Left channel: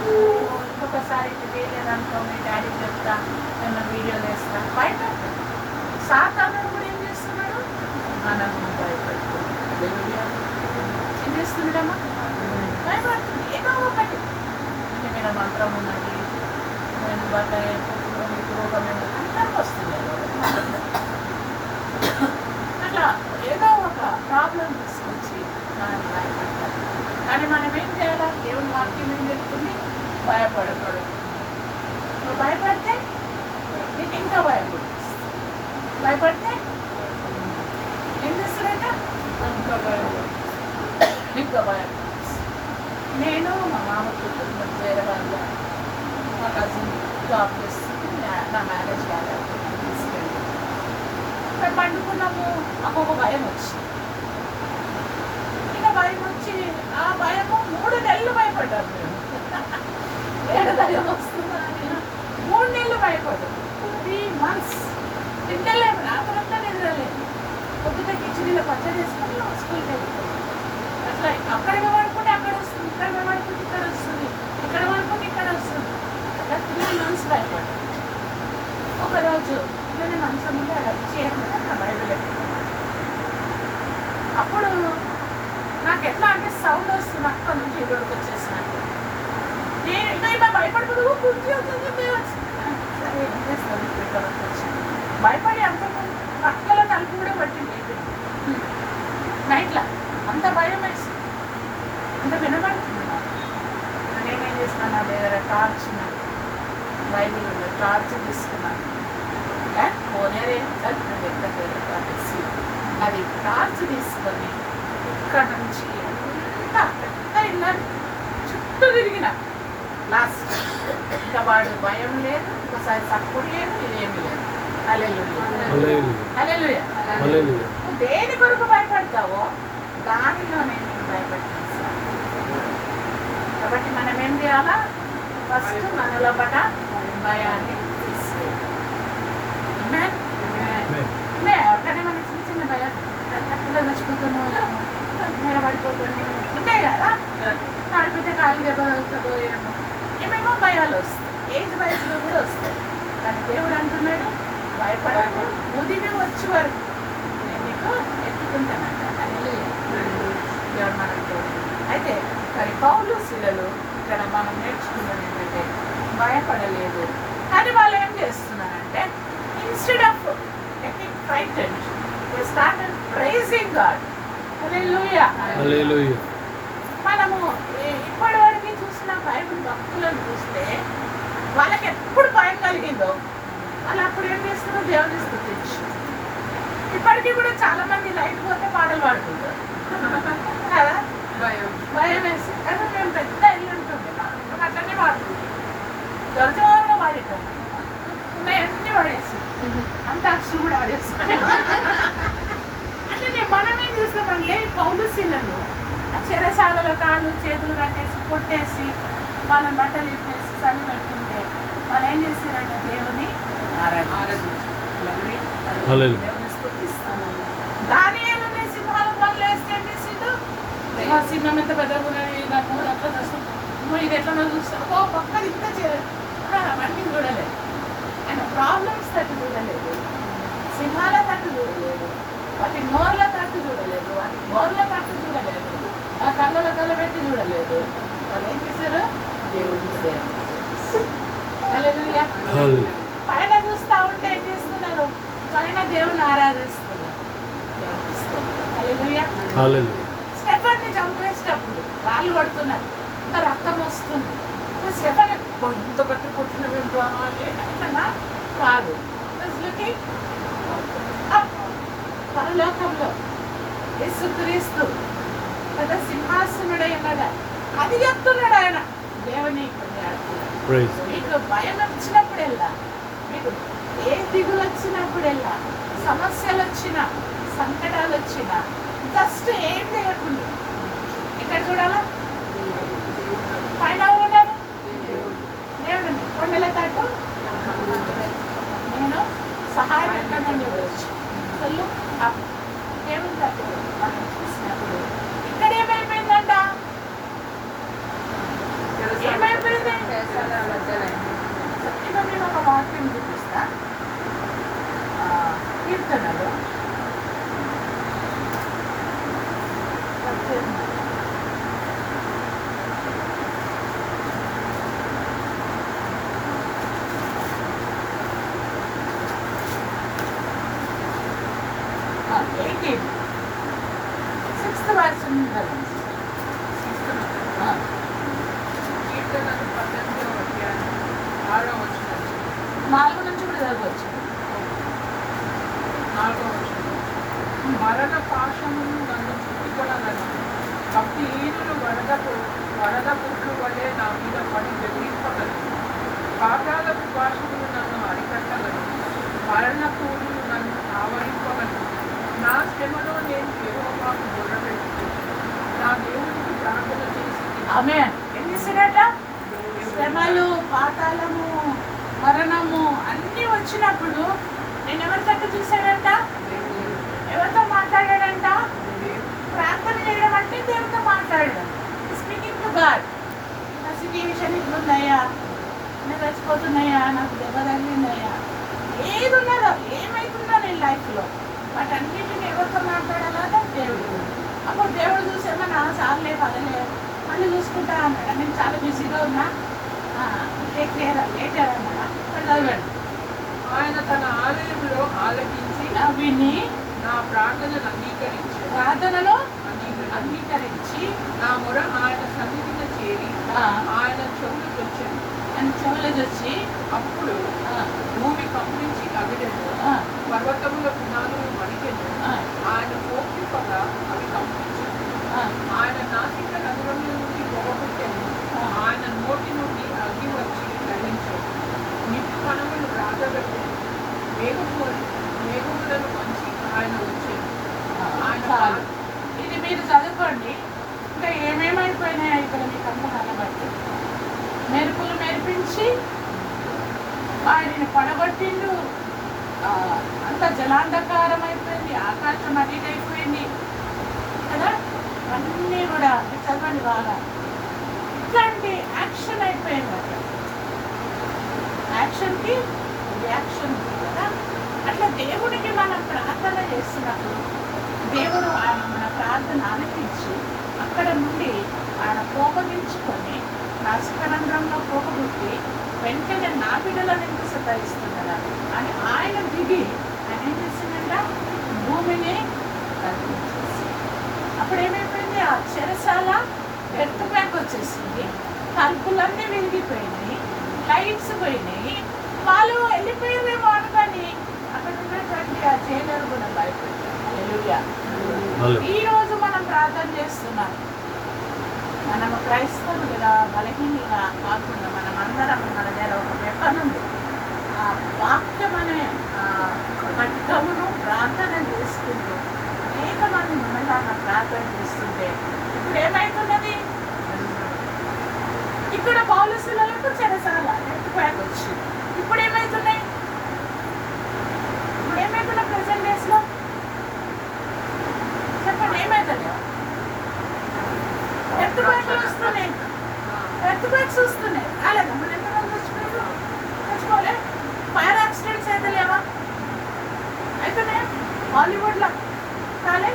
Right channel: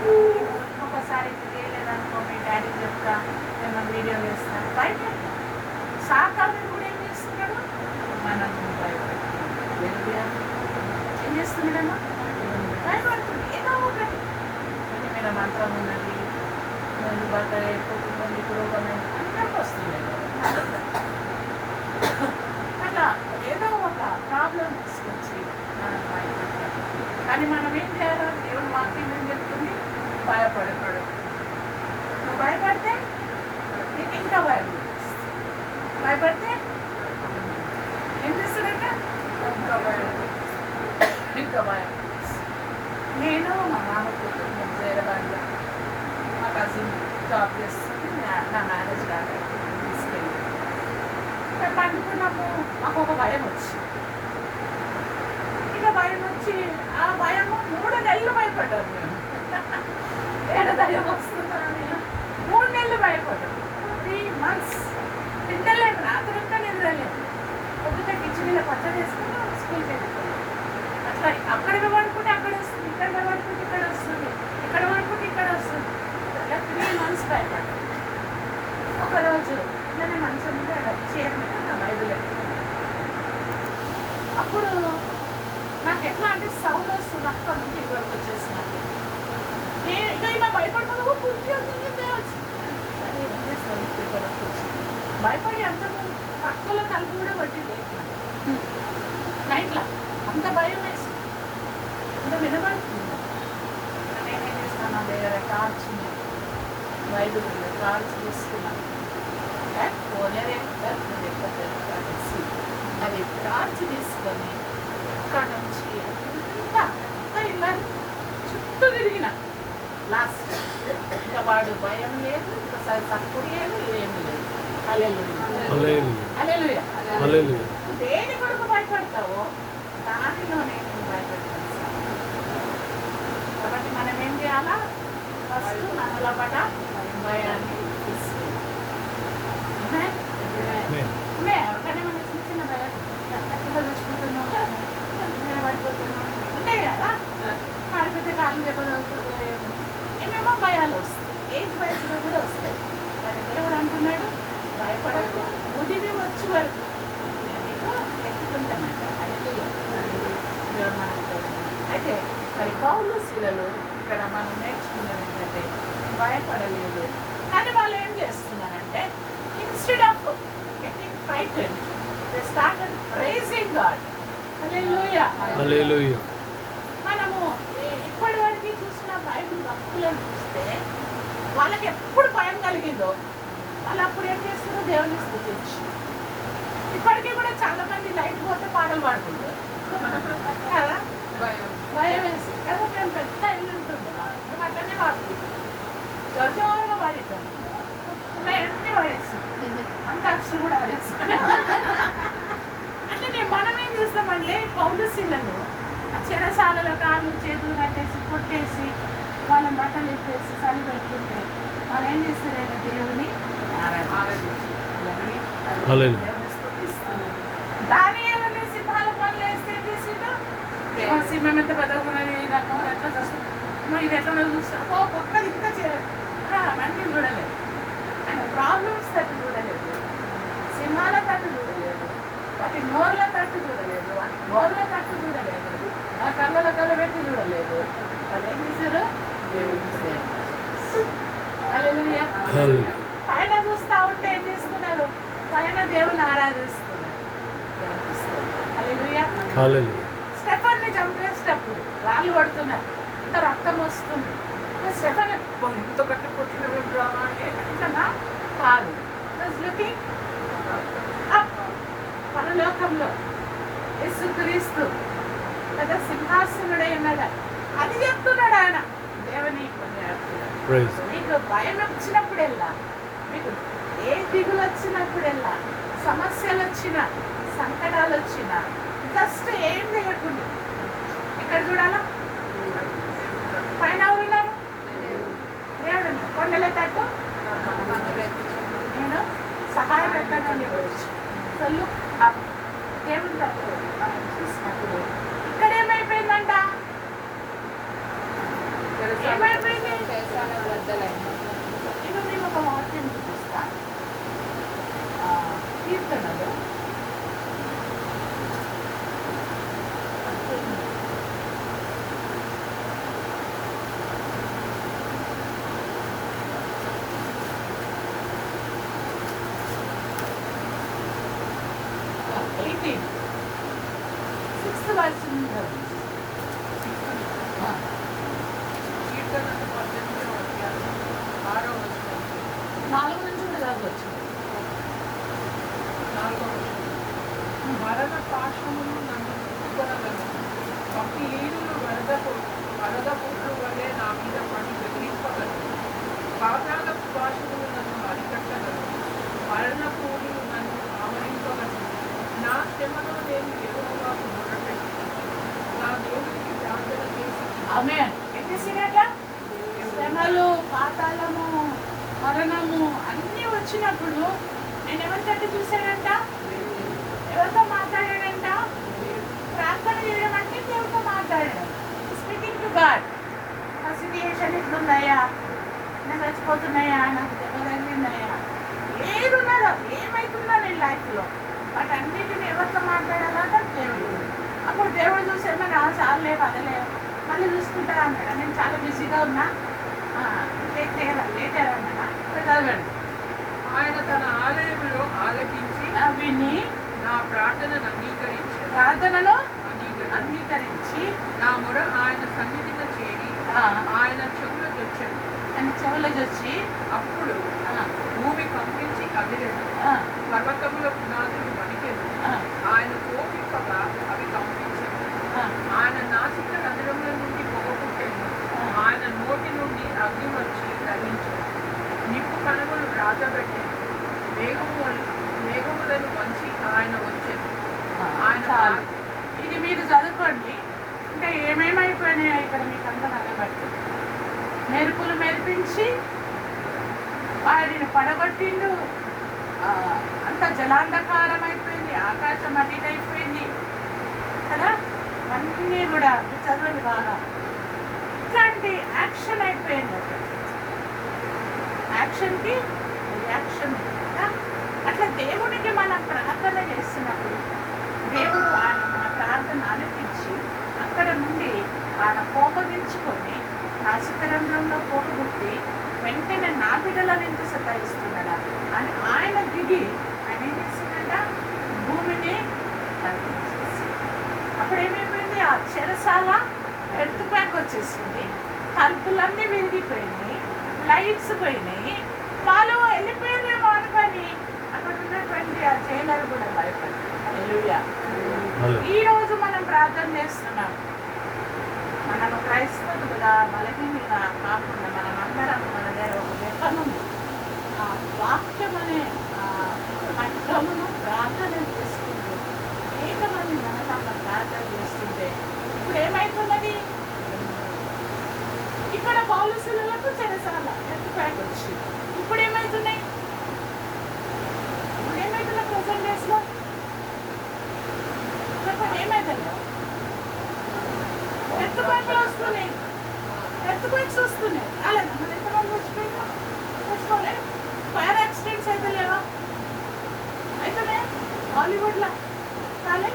ఇంకొకసారి చేయలేదనుకో మీ డాడీకి చెప్తా, ఏమన్నా వీడియోలు వేస్తాను. భయపెట్ట సాతానుడు కూడా ఏం చేస్తున్నాడు, మనల్ని భయపెడుతున్నాడు. ఏం చేస్తున్నాడమ్మా, భయపడుతుంది. ఏదో ఒకటి అంటే మీరు మంత్రం ఉన్నది, నేను బట్ట మీకు రోగం అందరికి వస్తుంది. అట్లా ఏదో ఒక ప్రాబ్లం తీసుకొచ్చి మనం భయపెట్టాలి. కానీ మనం ఏం చేయాలి, దేవుని వాక్యం ఏం చెప్తుంది, భయపడతాడు. నువ్వు భయపడితే నీకు ఇంకా భయం భయపడితే ఏం చేస్తాడంట, ఇంకా భయం ఇంకా భయం. నేను మా మామ కూతురు చేరగాలి, మా కజిన్ జాబ్ చేస్తుంది, నా మ్యారేజ్ కాలేదు, తీసుకెళ్ళి మేము పండుకున్నాము. మాకు ఒక భయం వచ్చింది. ఇక భయం వచ్చి ఆ భయము 3 నెలలు భయపడ్డాను నేను. ఏడ భయం వస్తుందా నేను 3 నెలలు భయపడ్డాను. 3 months నిద్రలేదు, రాత్రంతా నిద్రలేదు. పొద్దుట కిచెన్లో పచ్చడి వేసుకుని స్కూల్కి వెళ్ళిపోయింది. అట్లా అక్కడ పడుకుంటే అక్కడ వస్తుంది, ఇక్కడ పడుకుంటే ఇక్కడ వస్తుంది, ఇక్కడ పడుకుంటే ఇక్కడ వస్తుంది. అట్లా 3 months భయపడ్డాను. ఒకరోజు ఇట్లనే మనసు ముందు అక్కడ చీర మీద నా బైబిల్ ఎట్టుకున్నాను. అప్పుడు నాకు ఎట్లా అంటే సౌండ్ వస్తుంది, అక్కడ నుంచి ఇక్కడికి వచ్చేసినట్టు. నేను భయపడుతుంది, సరే ఏం చేస్తాను, ఇక్కడికి వచ్చి భయపడి అంత పక్కలో తలుపు కూడా పట్టి లేపిన నైట్లో. అంత భయం వేసి అంత వినబడుతున్నాను. నేనేం చేసినాను, నా దగ్గర టార్చ్ బైబిల్ టార్చ్ తీసుకున్నాను. పోనేది చెప్పేసి అది టార్చ్ తీసుకొని ఇక్కడ నుంచి అంతా ఇలా చుట్టూ తిరిగిన. లాస్ట్ ఇంకా వాడు భయం లేదు, ఒకసారి తక్కువ లేదు, ఏమి లేదు. హల్లెలూయా. నువ్వు దేని కొరకు భయపడతావో దానిలోనే నేను భయపడతాను. కాబట్టి మనం ఏం చేయాలా, ఫస్ట్ మనలో పట భయాన్ని తీసుకెళ్ళి ఎవరికైనా మనకి చిన్న చిన్న భయం ఎట్లా చూసుకుంటున్నావు, నిలబడిపోతున్నావు ఉంటాయి కదా, నడిపితే కాలు దెబ్బలుతుందో ఏమేమో భయాలు వస్తాయి. ఏజ్ వయసులో కూడా వస్తాయి. కానీ దేవుడు అంటున్నాడు, భయపడకు, ముదిమి వచ్చే వరకు నేను నీకు ఎత్తుకుంటానంట. హల్లెలూయా. దేవుడు మనకు అయితే మరి పౌలు శిలలు ఇక్కడ మనం నేర్చుకున్నది ఏంటంటే భయపడలేదు. కానీ వాళ్ళు ఏం చేస్తున్నారంటే instead of getting frightened they started praising God. Hallelujah. Hallelujah. మనము ఇప్పటి వరకు చూసిన బైబిల్ భక్తులను చూస్తే వాళ్ళకి ఎప్పుడు భయం కలిగిందో వాళ్ళు అప్పుడు ఏం చేస్తారో దేవుని స్తుతించు. ఇప్పటికీ కూడా చాలా మంది లైట్ పోతే పాటలు పాడుతుంటారు కదా, భయం వేసి. కానీ మేము పెద్ద ఇల్లు ఉంటుంది, మేము అట్లనే పాడుతుంటాం, గర్జంగా పాడేటాం, అన్నీ పాడేసి అంత అక్షరం కూడా ఆడేస్తాం. అట్లనే మనం ఏం చేస్తామంటే పౌలుశీలను చెరసాలలో కాళ్ళు చేతులు కట్టేసి కొట్టేసి వాళ్ళని బట్టలు ఇప్పేసి చలి పెట్టుకుంటే వాళ్ళు ఏం చేస్తారంటే దేవుని స్తుతిస్తున్నారు. దానియేలుని సింహాల పనులు వేస్తే ఏం చేసిండు, సింహం ఎంత పెద్దగా నాకు ఎట్లా చూస్తాం, ఇది ఎట్లా చూస్తాం, ఓ పక్కన ఇంత అవన్నీ చూడలేదు. ఆయన ప్రాబ్లమ్స్ తట్టు చూడలేదు, సింహాల తట్టు చూడలేదు, వాటి నోర్ల తట్టు చూడలేదు, వాటి గోర్ల తట్టు చూడలేదు, ఆ కళ్ళలో కళ్ళ పెట్టి చూడలేదు. వాళ్ళు ఏం చేశారు, దేవుడిని సేవ. హల్లెలూయా. పైన చూస్తా ఉంటే ఏం చేస్తున్నారు, పైన దేవుని ఆరాధిస్తున్నారు. హల్లెలూయా. స్టెఫన్ని చంపేసేటప్పుడు రాళ్ళు పడుతున్నారు, ఇంత రక్తం వస్తుంది. స్టెఫన్ ఇంత కట్టుకుంటున్నాం ఇట్లా కాదు, లుకింగ్ పరలోకంలో యేసుక్రీస్తు పెద్ద సింహాసనుడై ఉన్నాడు, అది చెప్తున్నాడు ఆయన. దేవుని మీకు భయం వచ్చినప్పుడెల్లా, మీకు ఏ దిగులు వచ్చినప్పుడెల్లా, సమస్యలు వచ్చినా, సంకటాలు వచ్చినా జస్ట్ ఏం చేయకుండా ఎక్కడ చూడాలా, పైన ఎవరున్నారు, దేవుడు. కొండల తట్టు నేను సహాయం ఎక్కడని ఇవ్వచ్చు. అసలు దేవుని తట్టు మనం చూసినప్పుడు ఇక్కడ ఏమైపోయిందంట, ఏమైపోయింది, 6వ వచనం 4 నుంచి కూడా చదవచ్చు. 4వ వచనం. మరణ పాశములు నన్ను చుట్టుకొనగలను, భక్తిహీనులు వరద పుట్లు వలె నా మీద పడి బెదిరింపగలను. పాతాళపు భాషములు నన్ను అరికట్టగలను, మరణ పూలు నన్ను ఆవరింపగలను. నా శ్రమలో నేను యెహోవాకు మొర్రపెట్టుకుని నా దేవునికి ప్రార్థన చేసి ఆమేన్. ఏం చేసినట్ట? శ్రమలు, పాతాళము, మరణము అన్నీ వచ్చినప్పుడు నేను ఎవరికంటే చూశాడంట? ఎవరితో మాట్లాడాడంట? ప్రార్థన చేయడం అంటే దేవుడితో మాట్లాడడం. Speaking to God. నా సిచ్యుయేషన్ ఇట్లుందయ్యా, నాకు చచ్చిపోతున్నాయా, నాకు దెబ్బ తగిలిందయ్యా, ఏది ఉన్నదో ఏమైతుందో నేను లైఫ్లో వాటన్నిటిని ఎవరితో మాట్లాడాలా? దేవుడు. అప్పుడు దేవుడు చూసేమన్నా చాలే పదలే మళ్ళీ చూసుకుంటా అన్నాడు. నేను చాలా బిజీగా ఉన్నా, లేటర్ అన్నాడా? చదవండి. ఆయన తన ఆలయంలో ఆలకించి విని నా ప్రార్థనను ప్రార్థనలో అంగీకరించి నా మొర ఆయన సన్నిధిలో చేరి ఆయన చెవులకు వచ్చి అప్పుడు భూమి కంపించి కదిలేదు, పర్వతముల పునాదులు వణికెను. ఆయన కోపింపగా అవి కంపించెను. ఆయన నాసిక రంధ్రముల నుండి పొగ పుట్టెను. ఆయన నోటి నుండి అగ్ని వచ్చి కరిగించెను. నిప్పు కణములు రాజబెట్టి మేఘములను వంచి ఆయన వచ్చాను. చాలు, ఇది మీరు చదువుకోండి. ఇంకా ఏమేమైపోయినాయి ఇక్కడ మీకు అంత నలబట్టి మెరుపులు మెరిపించి వాడిని పడగొట్టిండు. అంత జలాంధకారం అయిపోయింది, ఆకాశం అడిగైపోయింది కదా. అన్నీ కూడా చదవండి బాగా. ఇట్లాంటి యాక్షన్ అయిపోయింది. అక్కడ యాక్షన్కి రియాక్షన్ కదా. అట్లా దేవుడికి మనం ప్రార్థన చేస్తున్నప్పుడు దేవుడు ఆయన మన ప్రార్థన ఆలకించి అక్కడ నుండి ఆయన కోపగించుకొని నాసికరంధ్రంలో పోగొట్టి వెంటనే నా బిడ్డలను ఎంత సతాయిస్తున్నాడా అని ఆయన దిగి ఆయన ఏం చేసిందంట? భూమిని కల్పించేసి అప్పుడు ఏమైపోయింది? ఆ చెరసాల ఎర్త్ బ్యాక్ వచ్చేసింది, తలుపులన్నీ విరిగిపోయినాయి, లైట్స్ పోయినాయి. వాళ్ళు వెళ్ళిపోయిందేమో అనుకొని అక్కడ ఉన్నటువంటి ఆ జైలర్ కూడా భయపడ్డారు. హల్లెలూయా. ఈ రోజు మనం ప్రార్థన చేస్తున్నాం. మనం క్రైస్తవులుగా బలహీనంగా కాకుండా మనం అందరం మన దగ్గర ఒక వెపన్ ఉంది. ఆ వాక్యం అనే ఖడ్గమును ప్రార్థన చేసుకుంటూ అనేక మంది మనలాగా ప్రార్థన చేస్తుంటే ఇప్పుడు ఏమైతున్నది? ఇక్కడ బాలుసులకు చెరసాల ఎత్తుపాటు వచ్చింది. ఇప్పుడు ఏమైతున్నాయి? ఇప్పుడు ఏమైతున్నా ప్రెసెంట్ డేస్ లో చెప్పండి, ఏమైతుందో? ఎత్తుపాట్లు వస్తున్నాయి, ఎత్తుపాట్స్ వస్తున్నాయి. అలాగే మన ఎంతమంది చచ్చిపోయిందో చచ్చిపోలే. ఫైర్ యాక్సిడెంట్స్ అయితే లేవా? అయితేనే హాలీవుడ్లో కాలే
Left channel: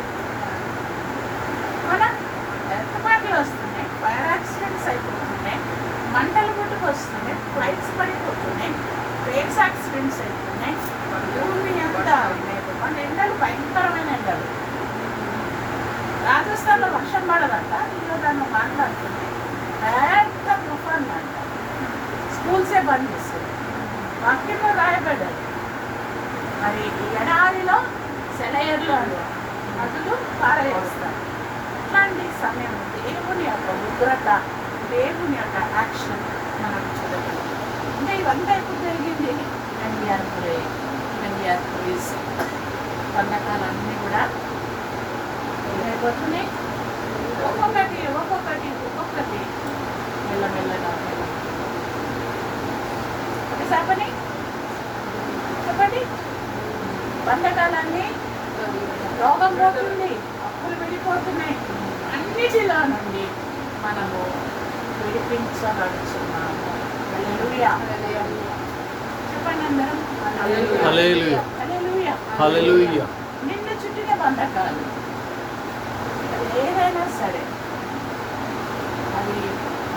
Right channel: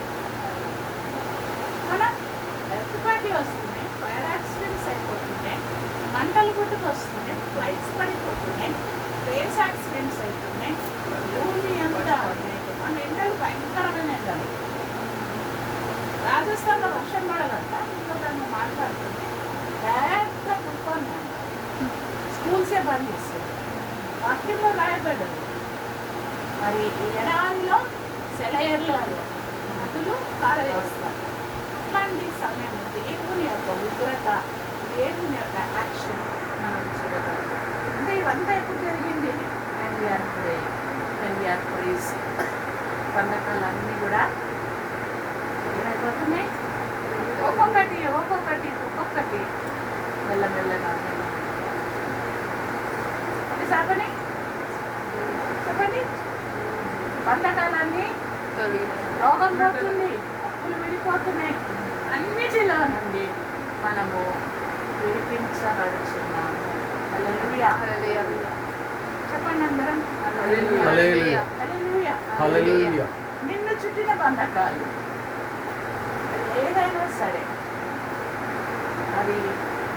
మన ఎత్తుపాట్లు వస్తున్నాయి, ఫైర్ యాక్సిడెంట్స్ అయిపోతున్నాయి, మంటలు గుట్టుకు వస్తున్నాయి, ఫ్లైట్స్ పడిపోతున్నాయి, ట్రైన్స్ యాక్సిడెంట్స్ అవుతున్నాయి. భూమి అంతా మన ఎండలు భయంకరమైన ఎండలు. రాజస్థాన్లో వర్షం పడదంట. ఇంట్లో దాన్ని మాట్లాడుతుంది, పెద్ద తుఫాన్ అంట. స్కూల్సే బంద్ చేస్తుంది. వాక్యంలో రాయబడ్డారు. మరి ఈ ఎడారిలో సెలయర్లు నదులు పారవేస్తారు. ఇట్లాంటి సమయం దేవుని యొక్క ఉగ్రత, దేవుని యొక్క యాక్షన్ మనం చూడగలం. అంటే ఇవంతా ఎప్పుడు జరిగింది? when we are praising. బంధకాలన్నీ కూడా ఏమైపోతున్నాయి? ఒక్కొక్కటి ఒక్కొక్కటి ఒక్కొక్కటి మెల్లమెల్లగా ఒకటి చెప్పండి. బంధకాలన్నీ రోగం పోతుంది, అప్పులు విడిపోతున్నాయి, అన్నిటిలో నుండి మనము విడిపించబడుచున్నాము. హల్లెలూయా. చెప్పండి అందరం, హల్లెలూయా. హల్లెలూయా. హల్లెలూయా. నిన్ను చుట్టిన బంధకాలు అది ఏదైనా సరే అది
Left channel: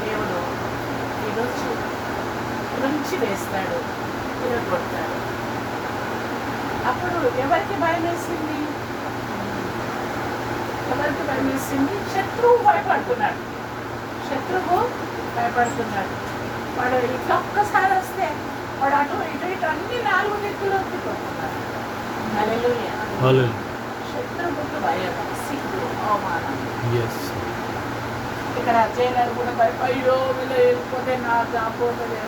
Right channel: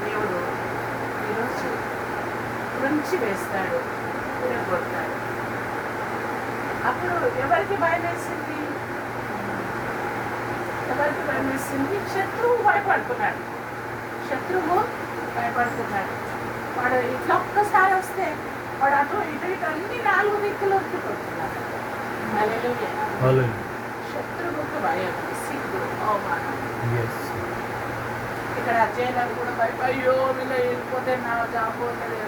దేవుడు ఈరోజు తుంచి వేస్తాడు, తిరగొడతాడు. అప్పుడు ఎవరికి భయం వేసింది? ఎవరికి భయం వేసింది? శత్రువు భయపడుతున్నాడు. వాడు ఇట్లా ఒక్కసారి వస్తే వాడు అటు ఇటు ఇటు అన్ని 4 దిక్కులు ఒత్తుకుంటున్నారు. హల్లెలూయా. Hallelujah. శత్రువుకు భయం, సిగ్గు, అవమానం. Yes. ఇక్కడ జైలర్ కూడా అయ్యో వీళ్ళు వెళ్ళిపోతే నా జాబ్ పోతుంది,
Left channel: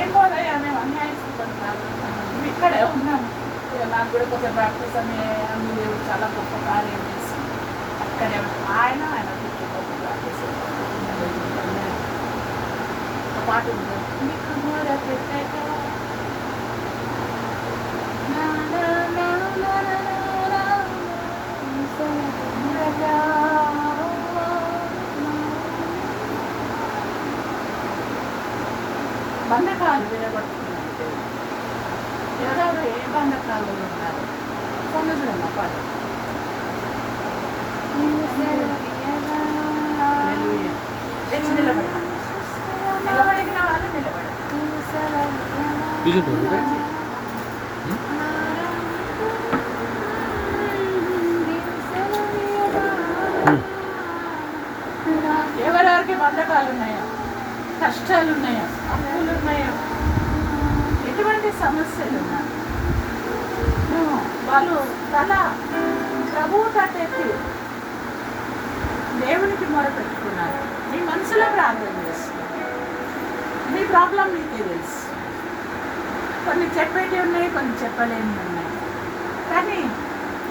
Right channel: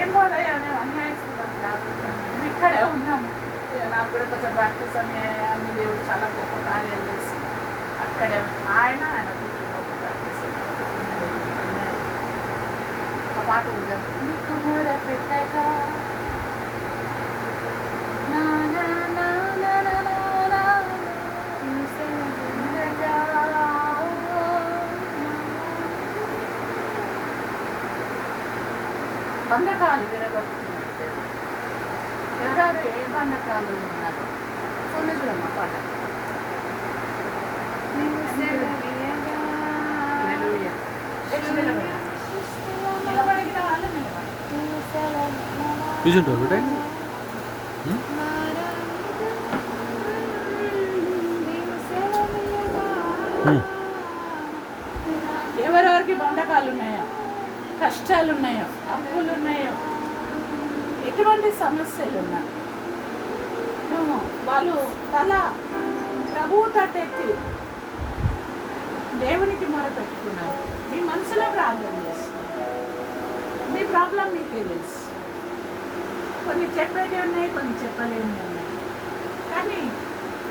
ఏం పోదయ్యా మేము అన్యాయస్తున్నాం కాదు, మేము ఇక్కడే ఉన్నాము, నాకు కూడా కొంచెం ప్రాక్టీస్ అన్ని దేవుడు చాలా గొప్ప కార్యం చేసి అక్కడే ఉన్నాం. ఆయన కొంచెం గొప్ప ప్రాక్టీస్ ఒక పాట ఉంది, నీకు కూడా పెట్టాక నా నా నా నా నా నా నా ఉండగా. బంధకాలు విరగొట్టుకున్నట్టు ఎవరెవరు ఏ బంధకాలు ఉన్నారు సముద్రమ్మ పాట. నిలబడిన వాళ్ళు నిలబడి Isn't it okay? ఎవరెవరికి బంధకాలు ఉన్నాయో, కష్టాలు ఉన్నాయో, అప్పులు ఉన్నాయో, ఎటువంటి సమస్యలు ఉన్నాయి, వాళ్ళు తల ప్రభువు తట్టెత్తి దేవునికి మొరపెట్టుకున్నారు. మీ మనసులో ప్రార్థన చేస్తున్నారు, మీ ప్రాబ్లం మీకే తెలుసు. కొన్ని చెప్పేటి ఉన్నాయి, కొన్ని చెప్పలేని ఉన్నాయి, కానీ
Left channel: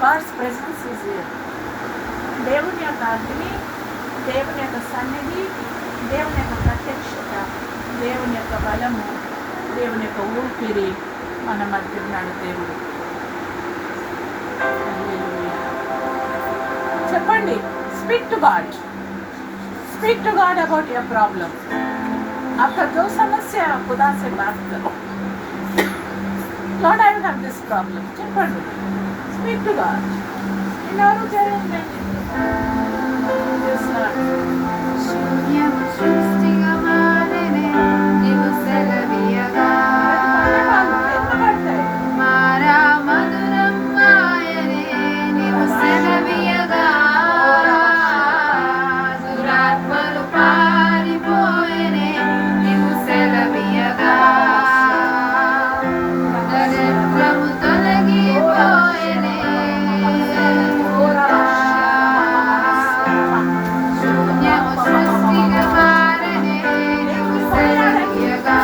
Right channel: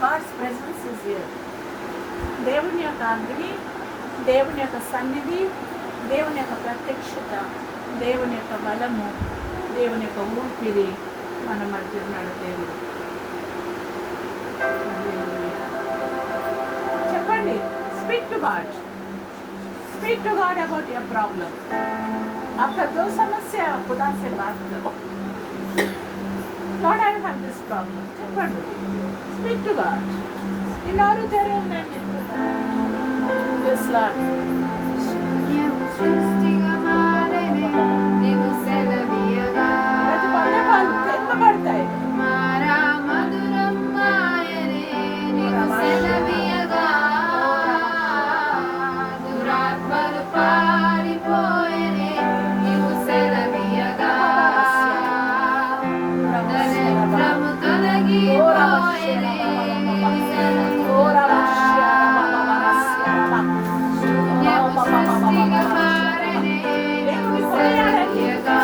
గాడ్స్ ప్రెసెన్స్ ఇస్ హియర్. దేవుని యొక్క అగ్ని, దేవుని యొక్క సన్నిధి, దేవుని యొక్క ప్రత్యక్షత, దేవుని యొక్క బలము, దేవుని యొక్క ఊపిరి మన మధ్య ఉన్నాడు దేవుడు. హల్లెలూయా. చెప్పండి, speak to God, speak to God about your problem. आपका जो समस्या खुदा से बात करो, Lord, I have this problem. చెప్పండి, speak to God. ఇలాగ చేయండి. Yes, Lord. శూన్యము సృష్టిగా మారెనే నీవు సెలవీయగా, మారా మధురం ఆయనే నీవు సెలవీయగా, దురాత్మలు పారిపోయెనే నీవు సెలవీయగా, దరిద్రము తొలగిపోయెనే శూన్యము సృష్టిగా మారెనే నీవు సెలవీయగా,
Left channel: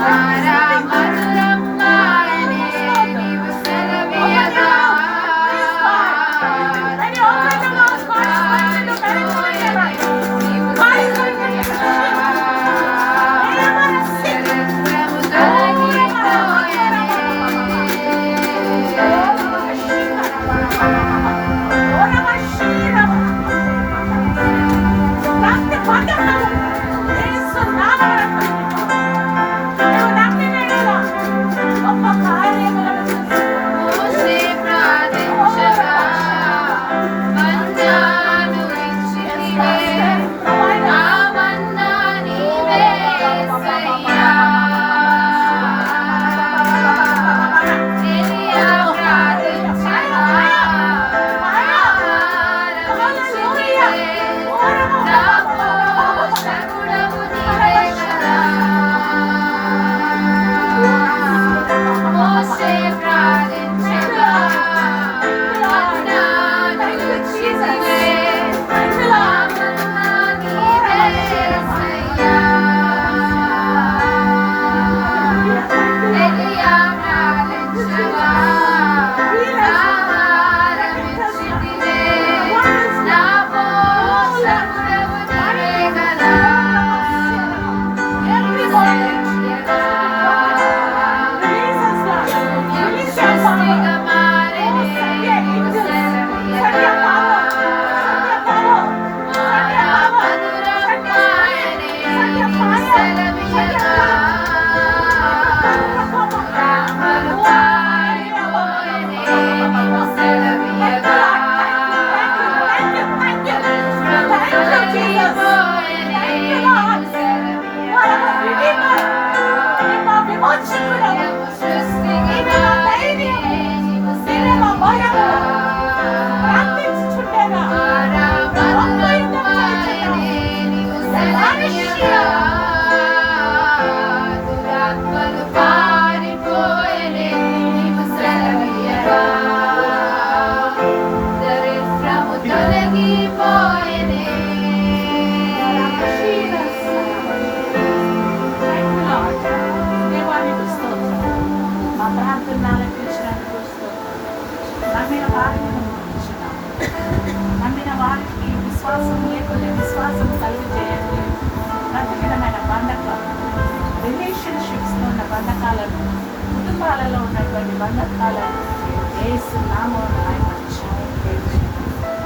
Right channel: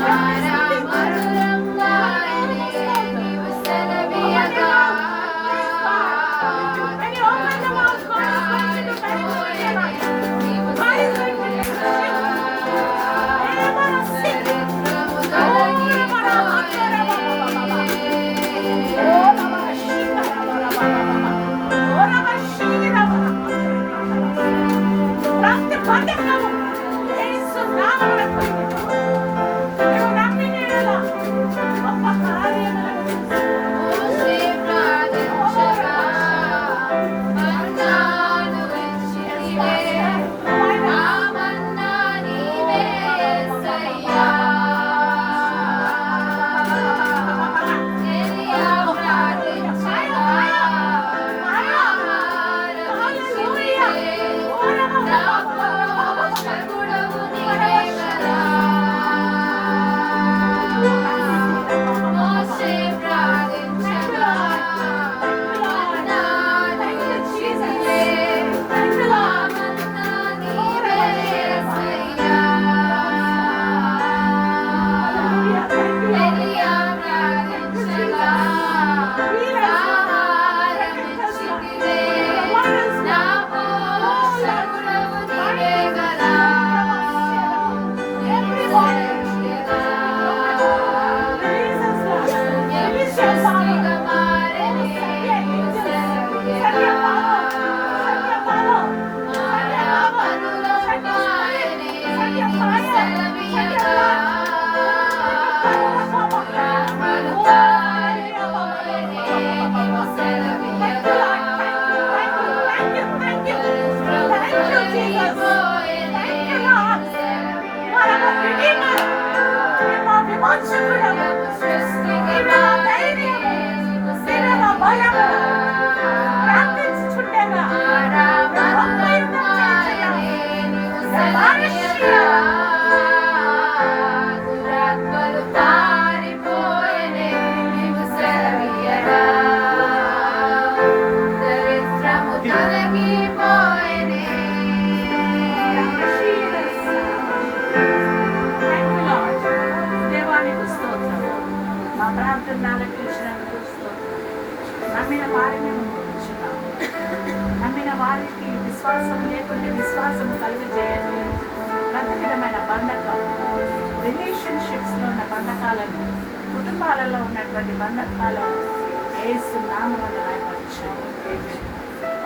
మారా మధురం ఆయనే నీవు సెలవీయగా, మోషే ప్రార్థించగా మన్నాను ఇచ్చితివే, ఆ మన్నా నీవే యేసయ్యా. ఎలియా ప్రార్థించగా ఆహారం ఇచ్చితివే, నా పోషకుడవు నీవే కదా. మోషే ప్రార్థించగా మన్నాను ఇచ్చితివే, ఆ మన్నా నీవే యేసయ్యా. ఎలియా ప్రార్థించగా ఆహారం ఇచ్చితివే, నా పోషకుడవు నీవే కదా. సృష్టిగా మారెనే నీవు సెలవీయగా, మారా మధురం ఆయనే నీవు సెలవీయగా, రామలు పారిపోయెనే నీవు సెలవీయగా, తొలగిపోయెనే నీవు సెలవీయగా, శూన్యము సృష్టిగా మారెనే నీవు సెలవీయగా, మారా మధురం ఆయనే నీవు దురాత్మలు పారిపోయెనే నీవు సెలవీయగా దరిద్రము తొలగిపోయెనే దేవానికి స్తోత్రం. మా ప్రార్థన ఆలకించినందుకు స్తోత్రం. నమ్మిన వారిని నువ్వు ఉంచున్నావు. నమ్మిన వారికి విశ్వాసం లేకుంటే విశ్వాసం కలుగజేయండి. ప్రతికరమైన బంధకం రిలేషన్షిప్స్లో ఉన్న బంధకాలను, కుటుంబాలలో ఉన్నటువంటి బంధకాలను యేసు నామమున ఆయన క్షమించండి.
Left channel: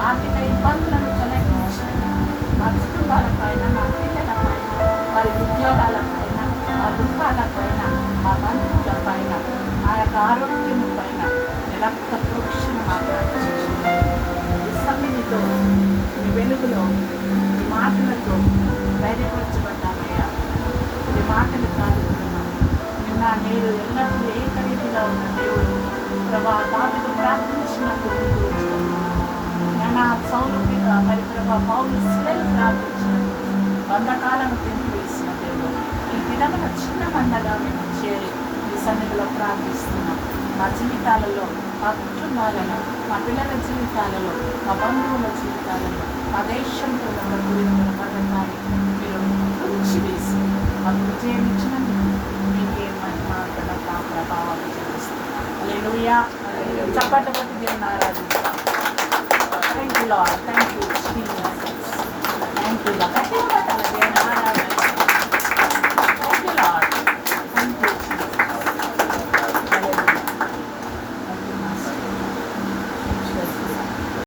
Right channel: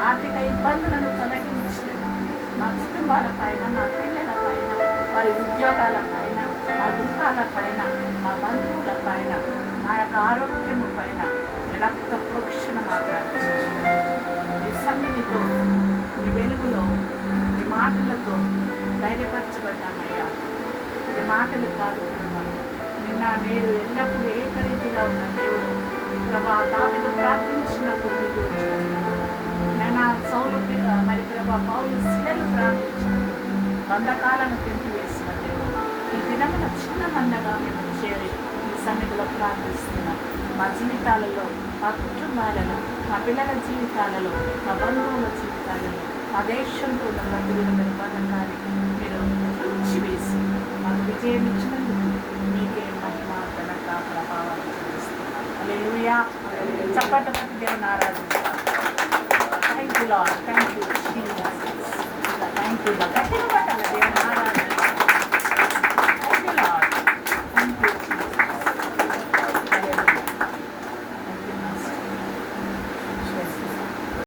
ఆర్థిక ఇబ్బందులను తొలగించి మా కుటుంబాల పైన, మా పిల్లల పైన, వారి ఉద్యోగాల పైన, మా దుఃఖాల పైన, మా బంధువుల పైన, మా యొక్క ఆరోగ్యము పైన రక్త ప్రోక్షణ మాట్లాడుతుంది. ఈ సన్నిధితో ఈ వెలుగులో ఈ మాటలతో ధైర్యపరచబడ్డామయ్యా. ఈ మాటలు కాదుతున్నాను. నిన్న మీరు ఎల్లప్పుడూ ఏకరీతిగా ఉన్న దేవుడు ప్రభా దావీదు ప్రార్థించినప్పుడు మీకు వచ్చింది. నిన్న సౌలు మరి ప్రభా పౌలు శిలలు ప్రార్థించినప్పుడు బంధకాలను తెంపివేసిన దేవుడు ఈ దినమున చిన్న మందగా మేము చేరి ఈ సన్నిధిలో ప్రార్థిస్తున్నాం. మా జీవితాలలో, మా కుటుంబాలలో, మా పిల్లల జీవితాలలో, మా బంధువుల జీవితాలలో, మా దేశంతో ఉన్న ప్రతి విధమైన బంధకాన్ని మీరు అణిచివేసి మాకు విజయం ఇచ్చినందుకు మీకే మహిమ, ఘనత, ప్రభావాలు చూపిస్తున్నాం. హల్లెలూయా. చప్పట్ల ప్రతి దేవుని ఆరాధిస్తాం. Thank you Lord. Thank you Jesus. Thank you Lord. గట్టిగా పట్టాలి దేవుని ఆరాధన.